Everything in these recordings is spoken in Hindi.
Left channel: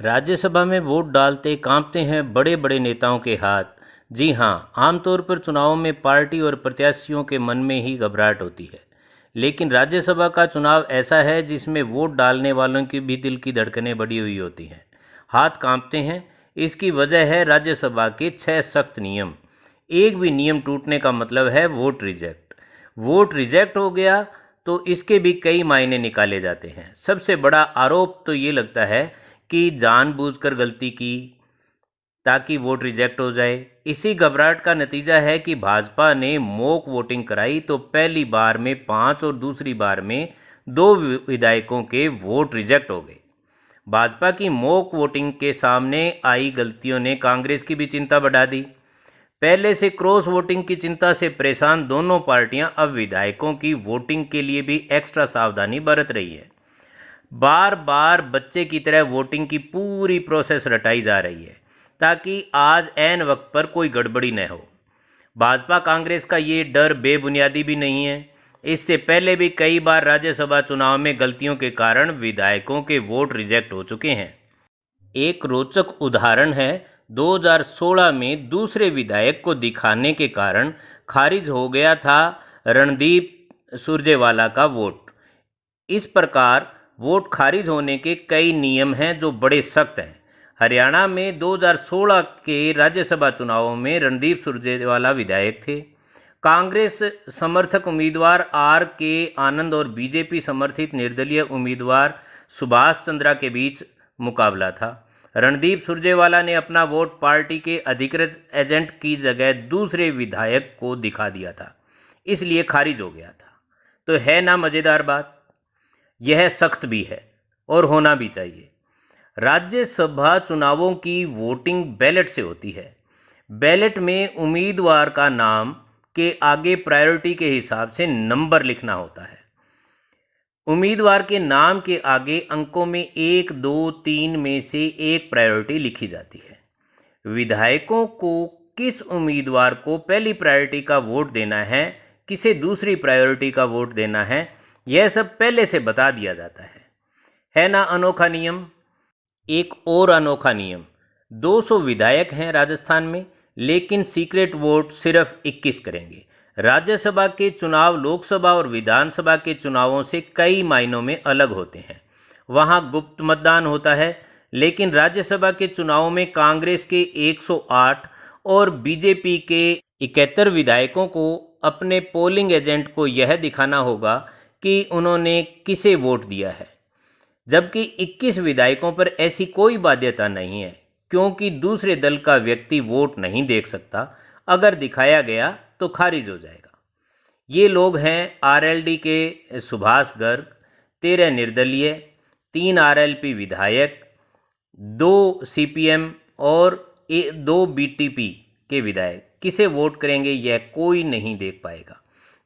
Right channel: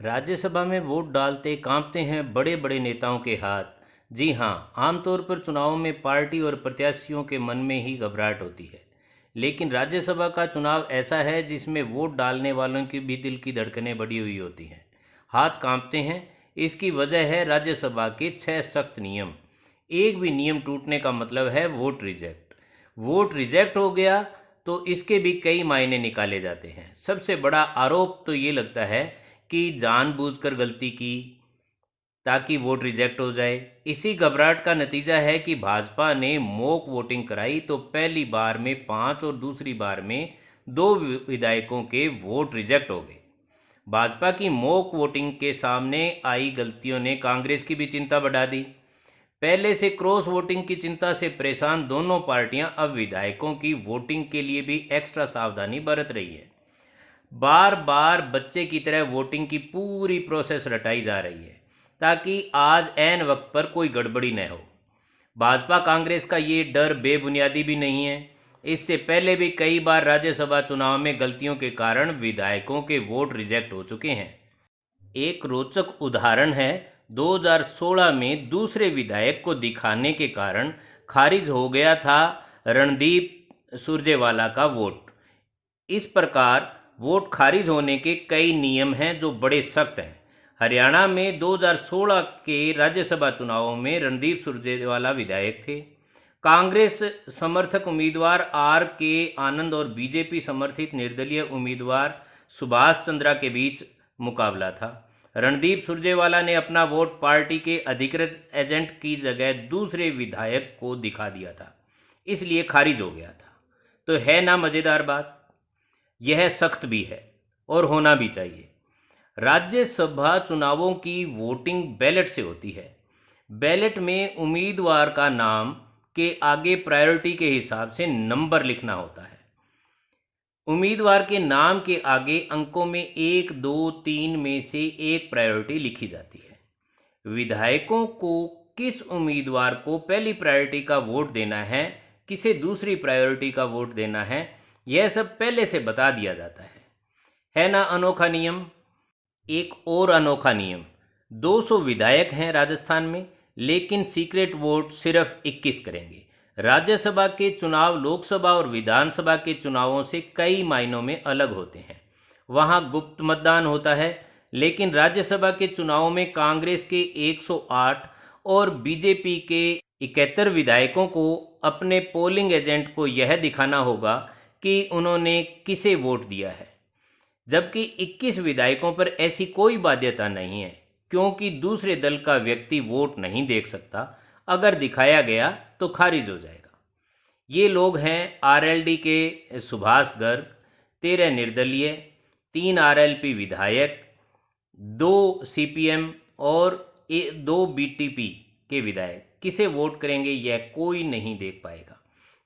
राज्यसभा में वोट डालते कांपते हैं बड़े बड़े नेताओं के हाथ। जी हाँ, आमतौर पर चुनावों में पार्टी और प्रत्याशियों के मन में ही घबराहट होती है। लेकिन राज्यसभा का चुनाव ऐसा है जिसमें वोट डालने वालों की भी दिल की धड़कनें बढ़ी हुई होती हैं, हाथ कांपते हैं। इसकी वजह है राज्यसभा के 6 सख्त नियम। एक भी नियम टूटने का मतलब है वोट रिजेक्ट। वोट रिजेक्ट हो गया तो इसके भी कई मायने निकाले जाते हैं। सबसे बड़ा आरोप तो ये लगता है कि जानबूझकर गलती की ताकि वोट रिजेक्ट हो जाए। इसी घबराहट का नतीजा है कि भाजपा ने मॉक वोटिंग कराई तो पहली बार में 5 और दूसरी बार में 2 विधायकों के वोट रिजेक्ट हो गए। भाजपा की मॉक वोटिंग के सामने आई गलतियों ने कांग्रेस की भी चिंता बढ़ा दी। पहले से क्रॉस वोटिंग की चिंता से परेशान दोनों पार्टियां अब विधायकों की वोटिंग के लिए भी एक्स्ट्रा सावधानी बरत रही है। बार बार बच्चे की तरह वोटिंग की पूरी प्रोसेस रटाई जा रही है ताकि आज ऐन वक्त पर कोई गड़बड़ी न हो। भाजपा कांग्रेस का ये डर बेबुनियादी भी नहीं है। इससे पहले भी कई बार राज्यसभा चुनाव में गलतियों के कारण विधायकों के वोट रिजेक्ट हो चुके हैं। एक रोचक उदाहरण है 2016 में दूसरे विधायक को दिखाने के कारण खारिज हो गया था रणदीप सुरजेवाला का वोट। इस प्रकार वोट खारिज होने के कई नियम हैं जो बड़े सख्त हैं। हरियाणा में 2016 के राज्यसभा चुनावों में रणदीप सुरजेवाला विधायक थे। कांग्रेस समर्थक उम्मीदवार आर के आनंद और बीजेपी समर्थित निर्दलीय उम्मीदवार सुभाष चंद्रा के बीच मुकाबला था। रणदीप सुरजेवाला ने अपना वोट पार्टी के अधिकृत एजेंट की जगह दूसरे विधायक को दिखा दिया था, इसलिए खारिज हो गया था। तो है ना मज़ेदार बात। यह सख्त भी है और होना भी चाहिए। राज्यसभा चुनावों की वोटिंग बैलेट से होती है। बैलेट में उम्मीदवार का नाम के आगे प्रायोरिटी के हिसाब से नंबर लिखना होता है। उम्मीदवार के नाम के आगे अंकों में 1, 2, 3 में से एक प्रायोरिटी लिखी जाती है। विधायकों को किस उम्मीदवार को पहली प्रायोरिटी का वोट देना है, किसे दूसरी प्रायोरिटी का वोट देना है, यह सब पहले से बता दिया जाता है ना अनोखा नियम। एक और अनोखा नियम, 200 विधायक हैं राजस्थान में, लेकिन सीक्रेट वोट सिर्फ 21 करेंगे। राज्यसभा के चुनाव लोकसभा और विधानसभा के चुनावों से कई मायनों में अलग होते हैं। वहाँ गुप्त मतदान होता है, लेकिन राज्यसभा के चुनावों में कांग्रेस के 108 और बीजेपी के 71 विधायकों को अपने पोलिंग एजेंट को यह दिखाना होगा कि उन्होंने किसे वोट दिया है, जबकि 21 विधायकों पर ऐसी कोई बाध्यता नहीं है, क्योंकि दूसरे दल का व्यक्ति वोट नहीं देख सकता। अगर दिखाया गया तो खारिज हो जाएगा। ये लोग हैं आरएलडी के सुभाष गर्ग, 13 निर्दलीय, 3 आरएलपी विधायक, 2 सीपीएम और 2 बीटीपी के विधायक। किसे वोट करेंगे यह कोई नहीं देख पाएगा।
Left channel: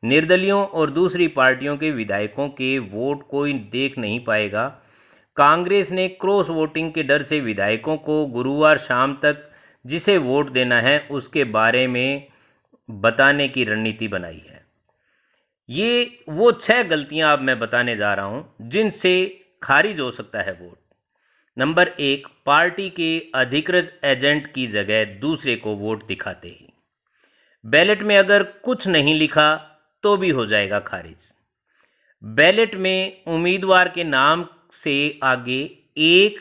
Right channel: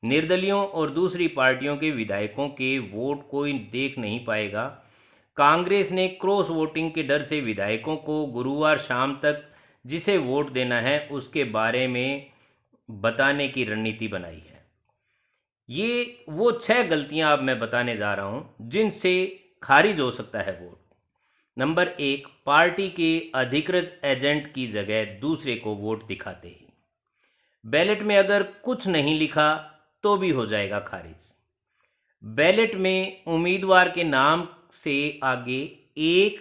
निर्दलियों और दूसरी पार्टियों के विधायकों के वोट कोई देख नहीं पाएगा। कांग्रेस ने क्रॉस वोटिंग के डर से विधायकों को गुरुवार शाम तक जिसे वोट देना है उसके बारे में बताने की रणनीति बनाई है। ये वो 6 गलतियां अब मैं बताने जा रहा हूं जिनसे खारिज हो सकता है वोट। नंबर 1, पार्टी के अधिकृत एजेंट की जगह दूसरे को वोट दिखाते ही। बैलेट में अगर कुछ नहीं लिखा तो भी हो जाएगा खारिज। बैलेट में उम्मीदवार के नाम से आगे एक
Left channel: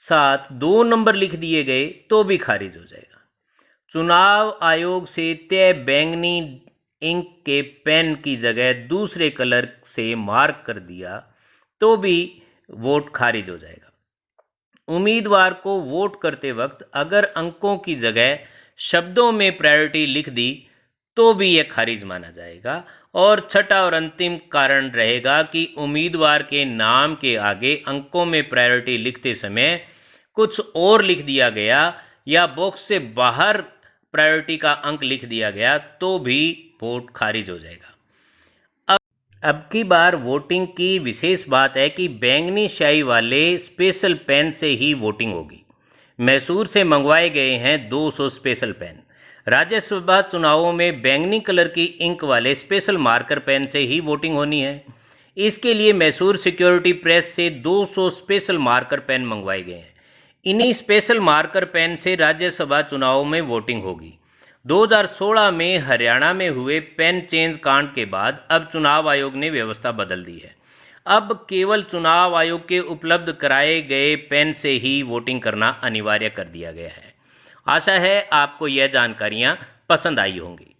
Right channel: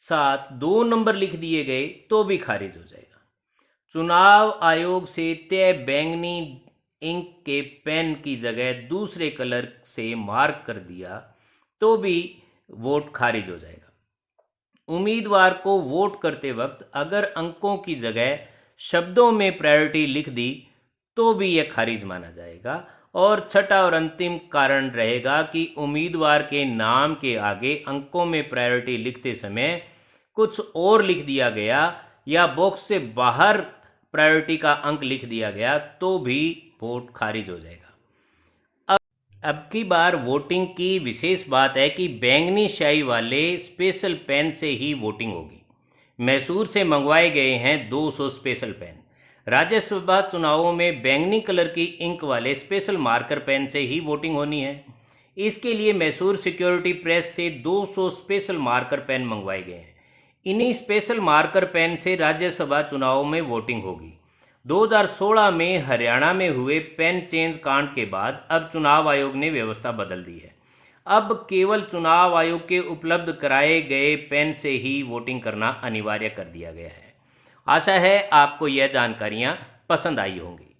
साथ 2 नंबर लिख दिए गए तो भी खारिज हो जाएगा। चुनाव आयोग से तय बैंगनी इंक के पेन की जगह दूसरे कलर से मार्क कर दिया तो भी वोट खारिज हो जाएगा। उम्मीदवार को वोट करते वक्त अगर अंकों की जगह शब्दों में प्रायोरिटी लिख दी तो भी यह खारिज माना जाएगा। और छठा और अंतिम कारण रहेगा कि उम्मीदवार के नाम के आगे अंकों में प्रायोरिटी लिखते समय कुछ और लिख दिया गया या बॉक्स से बाहर प्रायोरिटी का अंक लिख दिया गया तो भी वोट खारिज हो जाएगा। अब की बार वोटिंग की विशेष बात है कि बैंगनी स्याही वाले स्पेशल पेन से ही वोटिंग होगी। मैसूर से मंगवाए गए हैं 200 स्पेशल पेन। राज्यसभा चुनावों में बैंगनी कलर की इंक वाले स्पेशल मार्कर पेन से ही वोटिंग होनी है। इसके लिए मैसूर सिक्योरिटी प्रेस से 200 स्पेशल मार्कर पेन मंगवाए गए हैं। इन्हीं स्पेशल मार्कर पेन से राज्यसभा चुनाव में वोटिंग होगी। 2016 में हरियाणा में हुए पेन चेंज कांड के बाद अब चुनाव आयोग ने व्यवस्था बदल दी है। अब केवल चुनाव आयोग के उपलब्ध कराए गए पेन से ही वोटिंग करना अनिवार्य कर दिया गया है। आशा है आपको यह जानकारियाँ पसंद आई होंगी।